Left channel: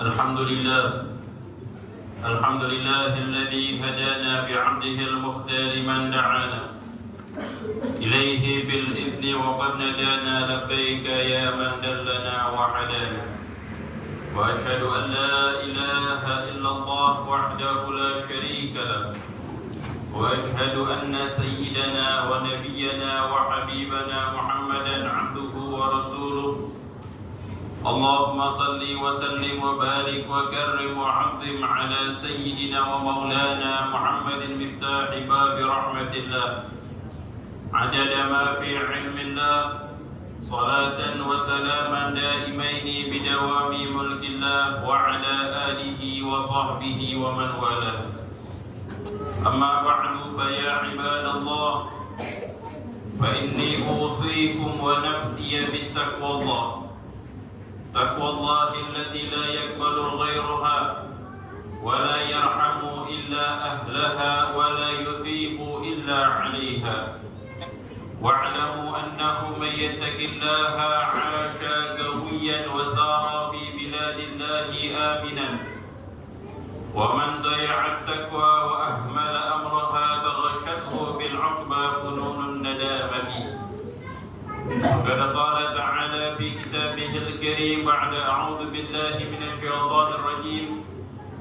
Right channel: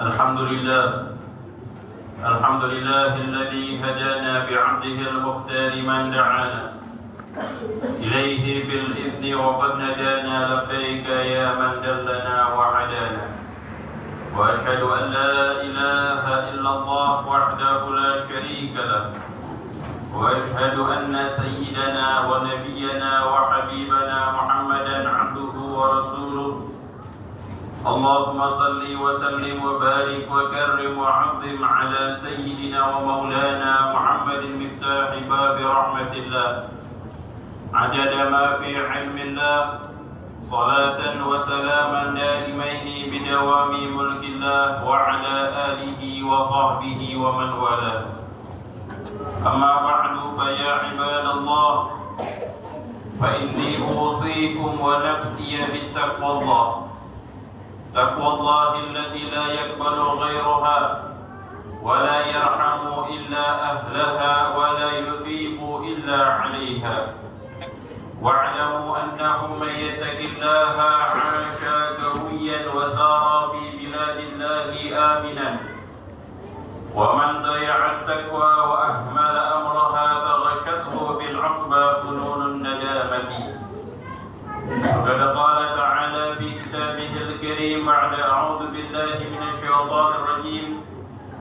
الحمد لله الحمد لله الذي هدانا بعبده المختار من دعانا إليه بالإذن وقد ندانا لبيك يا من دلنا وهدانا وأشهد أن لا إله إلا الله وحده لا شريك له وأشهد أن سيدنا ونبينا وحبيبنا محمدا عبده ورسوله اللهم صل وسلم وبارك وكرم وعظم على سيدنا ومولانا محمد مفتاح باب رحمة الله عدد ما في علم الله صلاة وسلاما دائمين بدوام ملك الله وعلى آله وصحبه ومن والاه أما بعد فيا عباد الله فإني أوصيكم ونفسي بالتقوى الله تقوى الله التي لا يقبل غيرها ولا يرحم إلا أهلها ولا يثيب إلا عليها واعلموا أنه من يتق الله عاش قويا وسار في بلاد الله آمنا ومن ضيع التقوى وأهمل أمرها فغشته بالعقبى فنون الندامة وقد قال تعالى في كتابه الكريم بعد أعوذ بالله من الشيطان الرجيم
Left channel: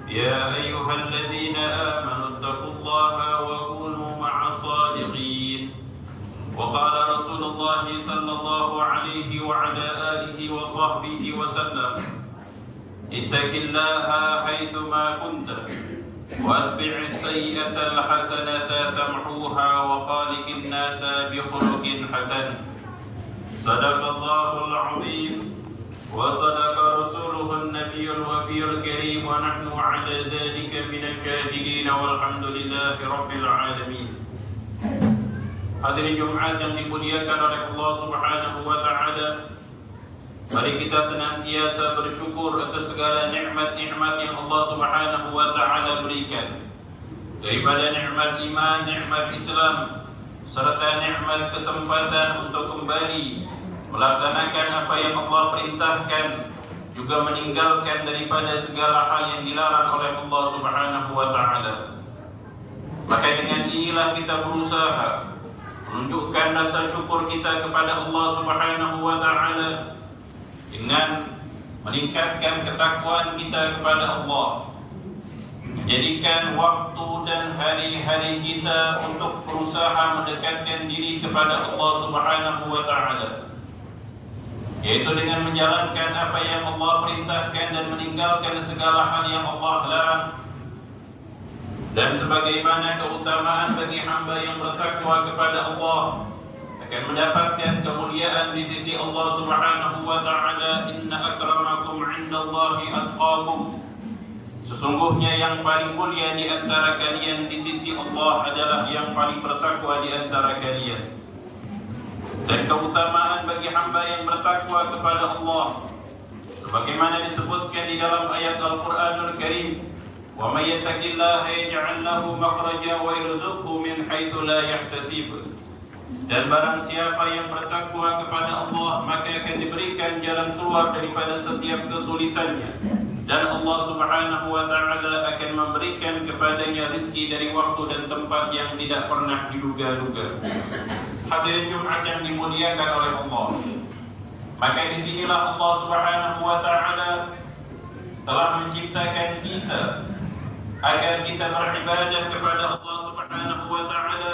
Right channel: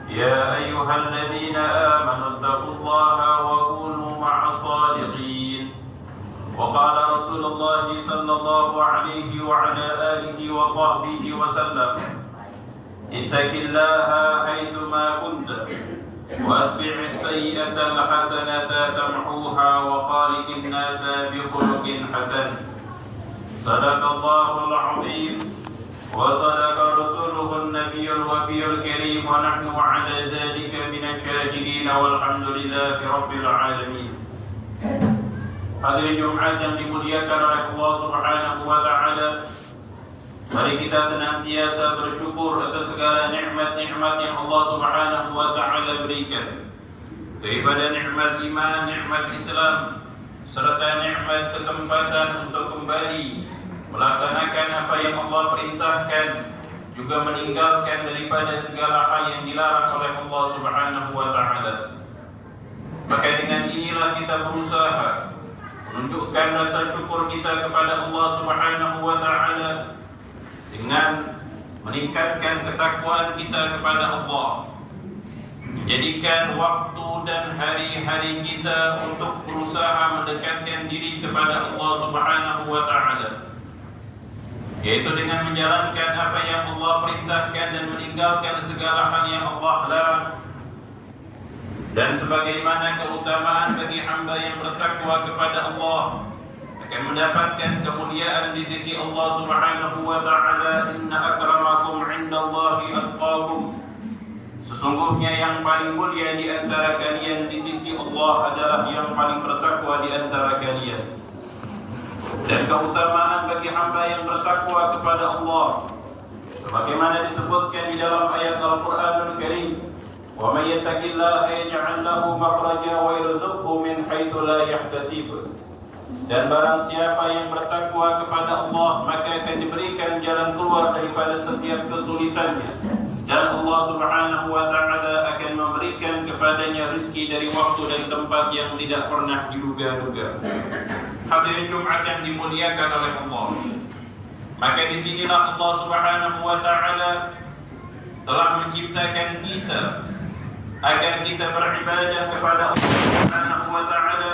يا أيها الذين آمنوا اتقوا الله وكونوا مع الصادقين وقال رسول الله صلى الله عليه وعلى آله وصحبه وسلم اتق الله حيثما كنت واتبع السيئة الحسنة تمحوها وخالق الناس بخلق حسن صدق الله العظيم وصدق رسوله النبي الوفي الكريم ونحن على ذلك من الشاهدين والحمد لله رب العالمين. Hadirin Jumat yang dimuliakan oleh Allah Subhanahu wa taala, mari kita senantiasa bersyukur atas segala nikmat-nikmat yang Allah Subhanahu wa taala berikan. Daripada nikmat iman, nikmat Islam, serta nikmat kesempatan untuk kembali melaksanakan apa yang Allah perintahkan, juga meninggalkan daripada segala hal yang dilarang oleh Allah Subhanahu wa taala. Maka dengan inilah kita berusaha menunjukkan rasa syukur kita kepada Allah Subhanahu wa taala dengan meningkatkan ketakwaan kita kepada Allah. Jadikan waktu dan hari-hari kita untuk berusaha mendekatkan diri kepada Allah Subhanahu wa taala, yaitu dengan menjalankan apa yang Allah perintahkan dan meninggalkan segala hal yang Allah larang. Dan sebagaimana keutamaan bagi hamba yang bertakwa kepada Allah akan mendapatkan kemuliaan di sisi Allah Subhanahu wa taala, inna akramakum 'indallahi atqakum. Sesungguhnya yang paling mulia di antara kalian di sisi Allah adalah yang paling bertakwa di antara kalian. Dan keutamaan bagi hamba yang bertakwa kepada Allah sebagaimana disebutkan di dalam ayat Al-Qur'anul Karim, wa may yattaqillaha yaj'al lahu makhraja wa yarzuqhu min haitsu la yahtasib. Dan barang siapa yang bertakwa kepada Allah, maka akan diberikan jalan keluar daripada setiap kesulitannya, dan Allah Subhanahu wa taala akan memberikan kepadanya rezeki dari waktu dan tempat yang tidak pernah diduga-duga. Hadirin Jumat yang dimuliakan oleh Allah, maka disinilah Allah Subhanahu wa taala telah menciptakan kita agar kita beribadah kepada Allah Subhanahu wa taala,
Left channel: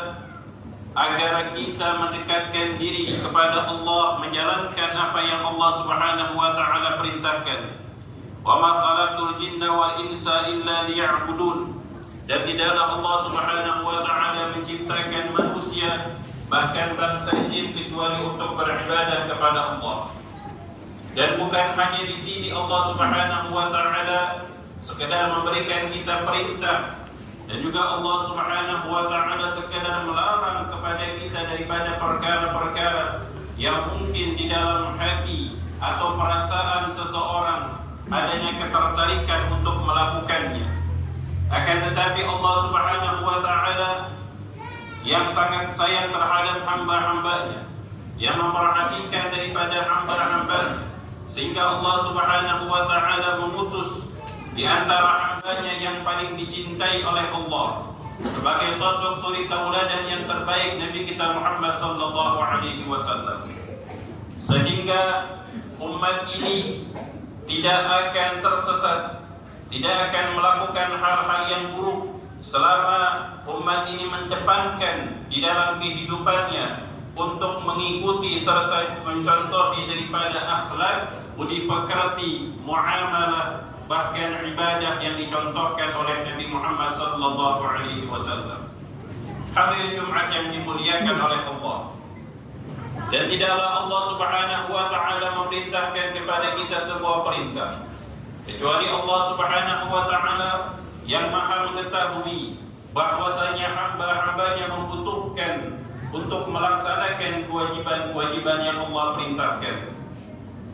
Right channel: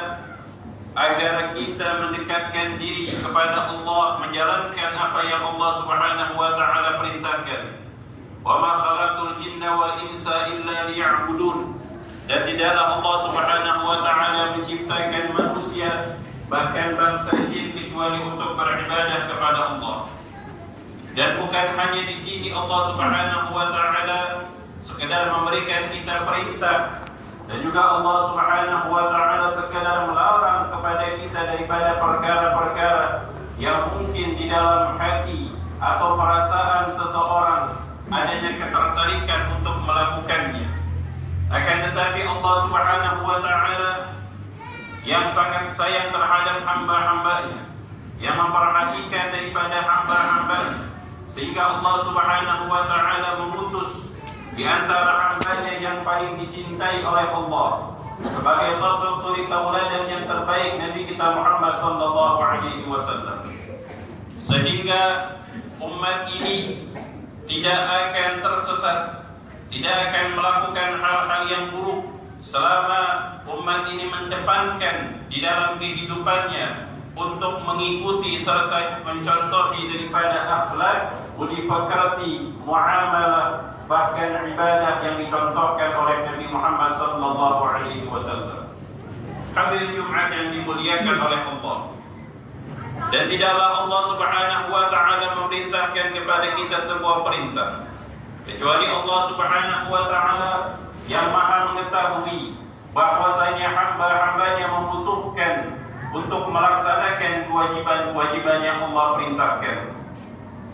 agar kita mendekatkan diri kepada Allah, menjalankan apa yang Allah Subhanahu wa taala perintahkan. Wa ma khalaqtul jinna wal insa illa liya'budun. Dan tidaklah Allah Subhanahu wa taala menciptakan manusia, bahkan bangsa jin, kecuali untuk beribadah kepada Allah. Dan bukan hanya di sini Allah Subhanahu wa taala sekedar memberikan kita perintah, dan juga Allah Subhanahu wa taala sekedar melarang kepada kita daripada perkara-perkara yang mungkin di dalam hati atau perasaan seseorang adanya ketertarikan untuk melakukannya. Akan tetapi Allah Subhanahu wa taala yang sangat sayang terhadap hamba-hambanya, yang memperhatikan daripada hamba-hambanya, sehingga Allah Subhanahu wa taala memutus di antara hambanya yang paling dicintai oleh Allah, sebagai sosok suri tauladan yang terbaik Nabi kita Muhammad sallallahu alaihi wasallam. Sehingga umat ini tidak akan tersesat, tidak akan melakukan hal-hal yang buruk selama umat ini mendepankan di dalam kehidupannya untuk mengikuti serta mencontohi daripada akhlak, budi pekerti, muamalah, bahkan ibadah yang dicontohkan oleh Nabi Muhammad sallallahu alaihi wasallam. Hadirin Jumat yang dimuliakan oleh Allah. Dan tidaklah Allah Subhanahu wa taala memerintahkan kepada kita sebuah perintah kecuali Allah Subhanahu wa taala yang Maha mengetahui bahwasanya hamba-hambanya membutuhkan untuk melaksanakan kewajiban-kewajiban yang Allah perintahkan.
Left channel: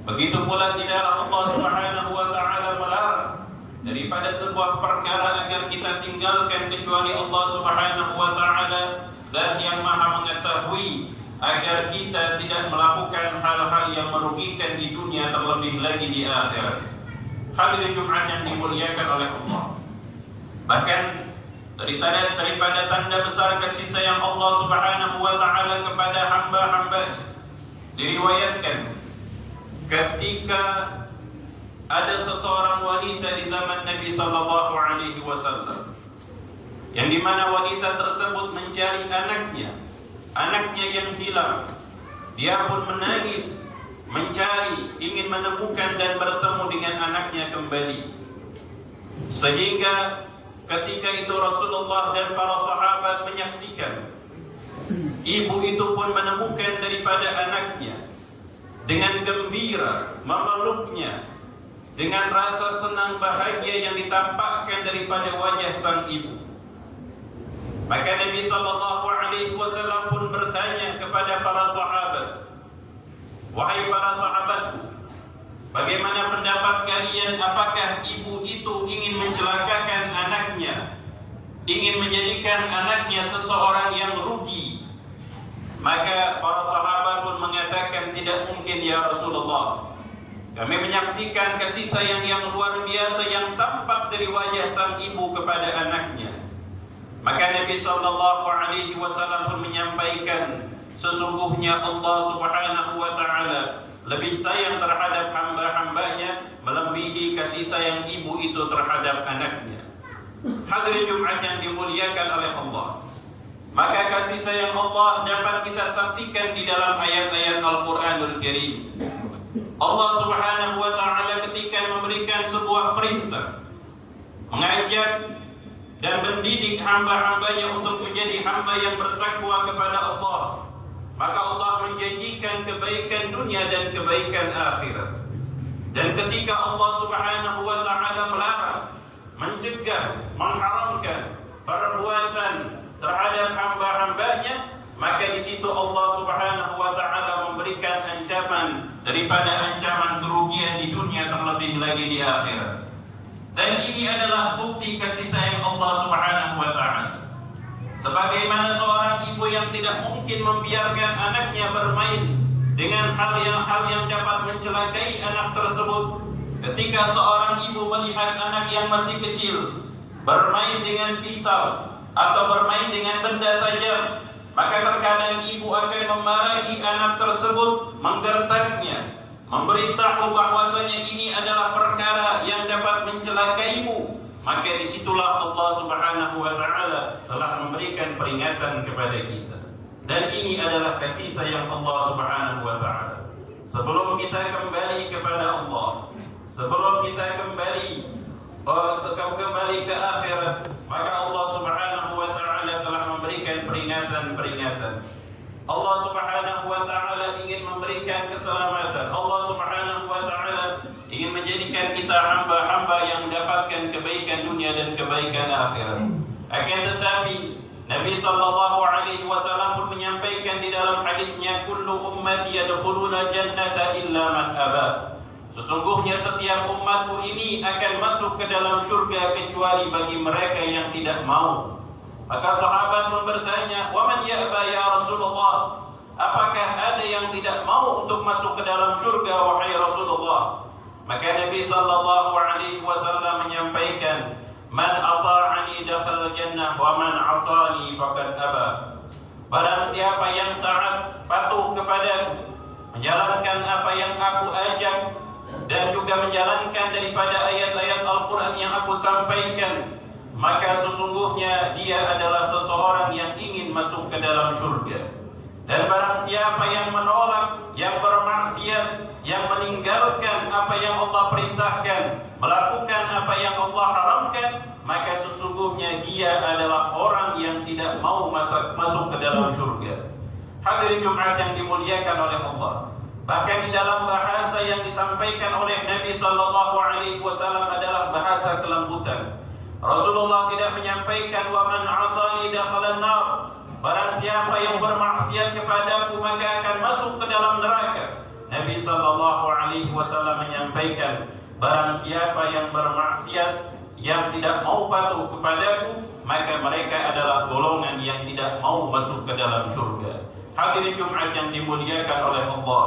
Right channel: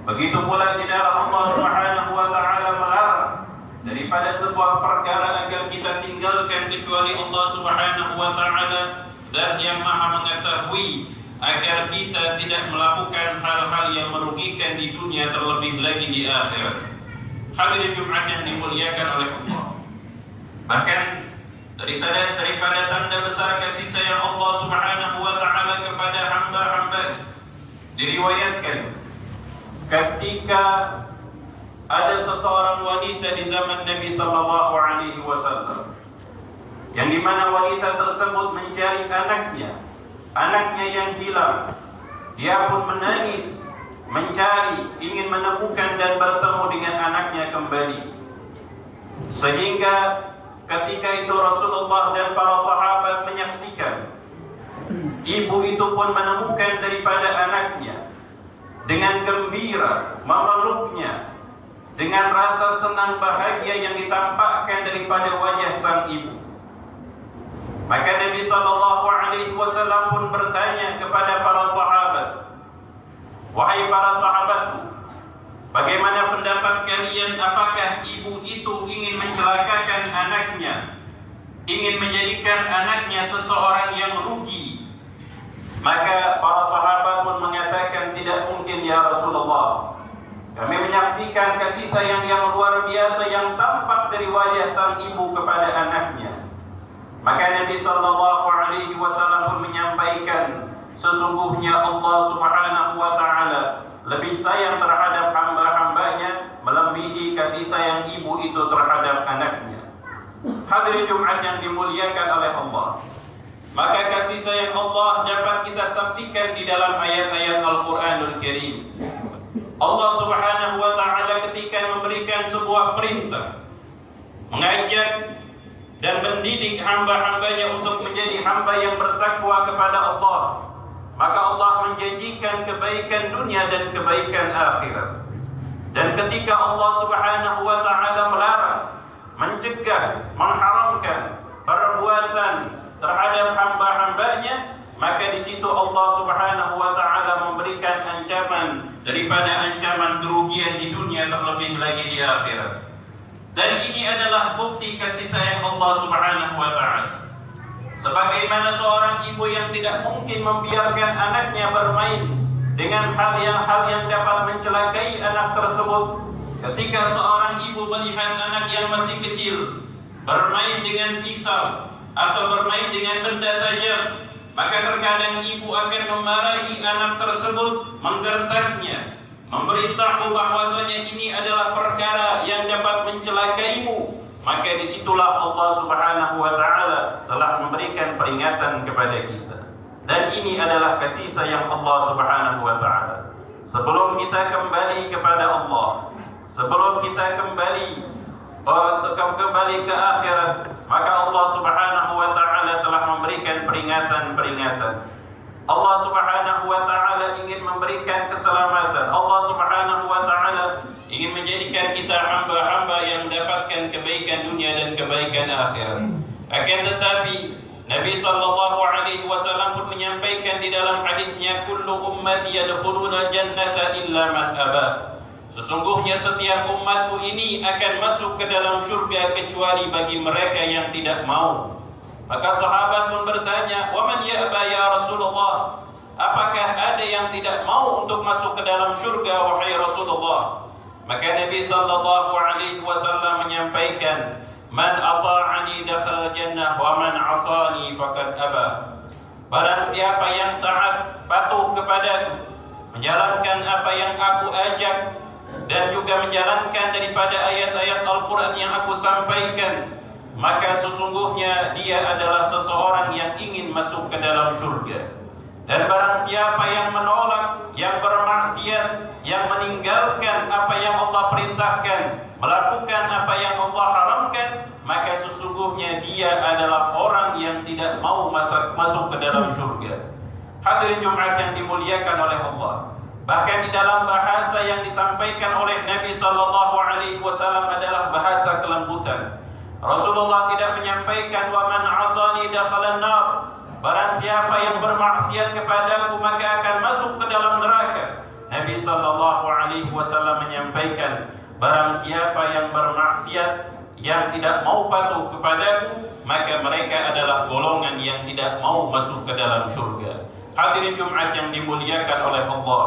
Begitu pula tidaklah Allah Subhanahu wa taala melarang daripada sebuah perkara agar kita tinggalkan kecuali Allah Subhanahu wa taala dan yang Maha mengetahui agar kita tidak melakukan hal-hal yang merugikan di dunia terlebih lagi di akhirat. Hadirin Jumat yang dimuliakan oleh Allah. Bahkan daripada tanda besar kasih sayang Allah Subhanahu wa taala kepada hamba-hamba, diriwayatkan ketika ada seseorang wanita di zaman Nabi sallallahu alaihi wasallam yang di mana wanita tersebut mencari anaknya yang hilang. Dia pun menangis mencari, ingin menemukan dan bertemu dengan anaknya kembali. Sehingga ketika itu Rasulullah dan para sahabat menyaksikan ibu itu pun menemukan daripada anaknya, dengan gembira memeluknya, dengan rasa senang bahagia yang ditampakkan daripada wajah sang ibu. Maka Nabi sallallahu alaihi wasallam pun bertanya kepada para sahabat, "Wahai para sahabatku, bagaimana pendapat kalian? Apakah ibu itu ingin mencelakakan anaknya, ingin menjadikan anaknya seseorang yang rugi?" Maka para sahabat pun mengatakan, "Tidak mungkin ya Rasulullah. Kami menyaksikan kasih sayang yang luar biasa yang tampak dari wajah sang ibu kepada anaknya." Maka Nabi sallallahu alaihi wasallam pun menyampaikan, sesungguhnya Allah Subhanahu wa taala lebih sayang terhadap hamba-hambanya melebihi kasih sayang ibu itu terhadap anaknya. Hadirin Jumat yang dimuliakan oleh Allah. Maka kasih sayang Allah dapat kita saksikan di dalam ayat-ayat Al-Qur'anul Karim. Allah Subhanahu wa taala ketika memberikan sebuah perintah, mengajak dan mendidik hamba-hambanya untuk menjadi hamba yang bertakwa kepada Allah, maka Allah menjanjikan kebaikan dunia dan kebaikan akhirat. Dan ketika Allah Subhanahu wa taala melarang, mencegah, mengharamkan perbuatan terhadap hamba-hambanya, maka di situ Allah Subhanahu wa taala memberikan ancaman daripada ancaman kerugian di dunia terlebih lagi di akhirat. Dan ini adalah bukti kasih sayang Allah Subhanahu wa taala. Sebagaimana seorang ibu yang tidak mungkin membiarkan anaknya bermain dengan hal yang dapat mencelakai anak tersebut. Ketika seorang ibu melihat anak yang masih kecil bermain dengan pisau atau bermain dengan benda tajam, maka terkadang ibu akan memarahi anak tersebut, menggertaknya, memberitahu bahwasanya ini adalah perkara yang dapat mencelakaimu. Maka disitulah Allah Subhanahu wa taala telah memberikan peringatan kepada kita. Dan ini adalah kasih sayang Allah Subhanahu wa taala. Sebelum kita kembali kepada Allah, sebelum kita kembali ke akhirat, maka Allah Subhanahu wa taala telah memberikan peringatan-peringatan. Allah Subhanahu wa taala ingin memberikan keselamatan. Allah Subhanahu wa taala ingin menjadikan kita hamba-hamba yang mendapatkan kebaikan dunia dan kebaikan akhirat. Akan tetapi Nabi sallallahu alaihi wasallam pun menyampaikan di dalam hadisnya, "Kullu ummati yadkhuluna jannata illa man aba." Sesungguhnya setiap umatku ini akan masuk ke dalam surga kecuali bagi mereka yang tidak mau. Maka sahabat pun bertanya, "Wa man ya'ba ya Rasulullah?" Apakah ada yang tidak mau untuk masuk ke dalam surga wahai Rasulullah? Maka Nabi sallallahu alaihi wasallam menyampaikan, "Man ata'ani dakhala jannah wa man 'asani faqad aba." Barang siapa yang taat, patuh kepadaku, menjalankan apa yang aku ajak, dan juga menjalankan daripada ayat-ayat Al-Quran yang aku sampaikan, maka sesungguhnya dia adalah seseorang yang ingin masuk ke dalam surga. Dan barang siapa yang menolak, yang bermaksiat, yang meninggalkan apa yang Allah perintahkan, melakukan apa yang Allah haramkan, maka sesungguhnya dia adalah orang yang tidak mau masuk ke dalam surga. Hadirin Jumat yang dimuliakan oleh Allah, bahkan di dalam bahasa yang disampaikan oleh Nabi sallallahu alaihi wasallam adalah bahasa kelembutan. Rasulullah tidak menyampaikan wa man 'asani dakhalan nar. Barang siapa yang bermaksiat kepadaku maka akan masuk ke dalam neraka. Nabi sallallahu alaihi wasallam menyampaikan, barang siapa yang bermaksiat, yang tidak mau patuh kepadaku, maka mereka adalah golongan yang tidak mau masuk ke dalam surga. Hadirin Jumat yang dimuliakan oleh Allah,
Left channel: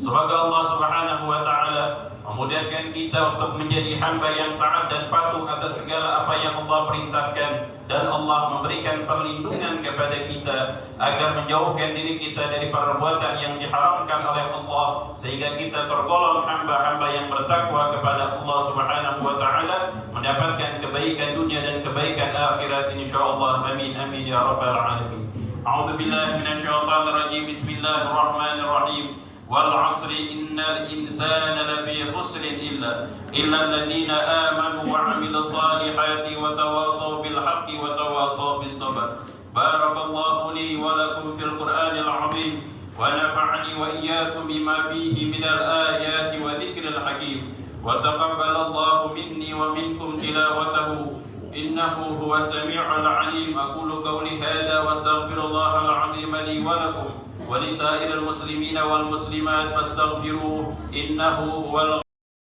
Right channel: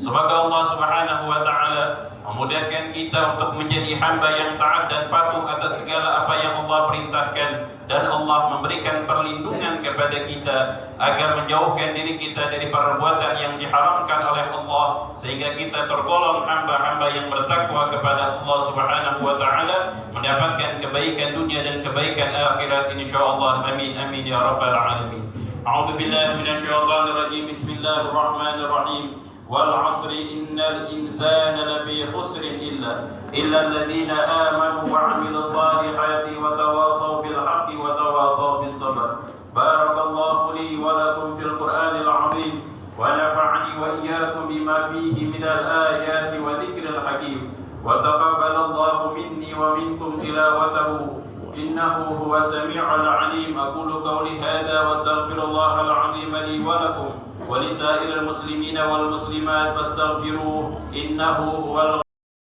semoga Allah Subhanahu wa taala memudahkan kita untuk menjadi hamba yang taat dan patuh atas segala apa yang Allah perintahkan, dan Allah memberikan perlindungan kepada kita agar menjauhkan diri kita dari perbuatan yang diharamkan oleh Allah, sehingga kita tergolong hamba-hamba yang bertakwa kepada Allah Subhanahu wa taala, mendapatkan kebaikan dunia dan kebaikan akhirat insyaallah. Amin amin ya rabbal alamin. A'udzu billahi minasyaitonir rajim. Bismillahirrahmanirrahim. والعصر إن الإنسان لفي خسر إلا الذين آمنوا وعملوا الصالحات وتواصوا بالحق وتواصوا بالصبر. بارك الله لي ولكم في القرآن العظيم ونفعني وإياكم بما فيه من الآيات وذكر الحكيم، وتقبل الله مني ومنكم تلاوته إنه هو السميع العليم. أقول قولي هذا واستغفر الله العظيم لي ولكم ولسائر المسلمين والمسلمات فاستغفروه إنه هو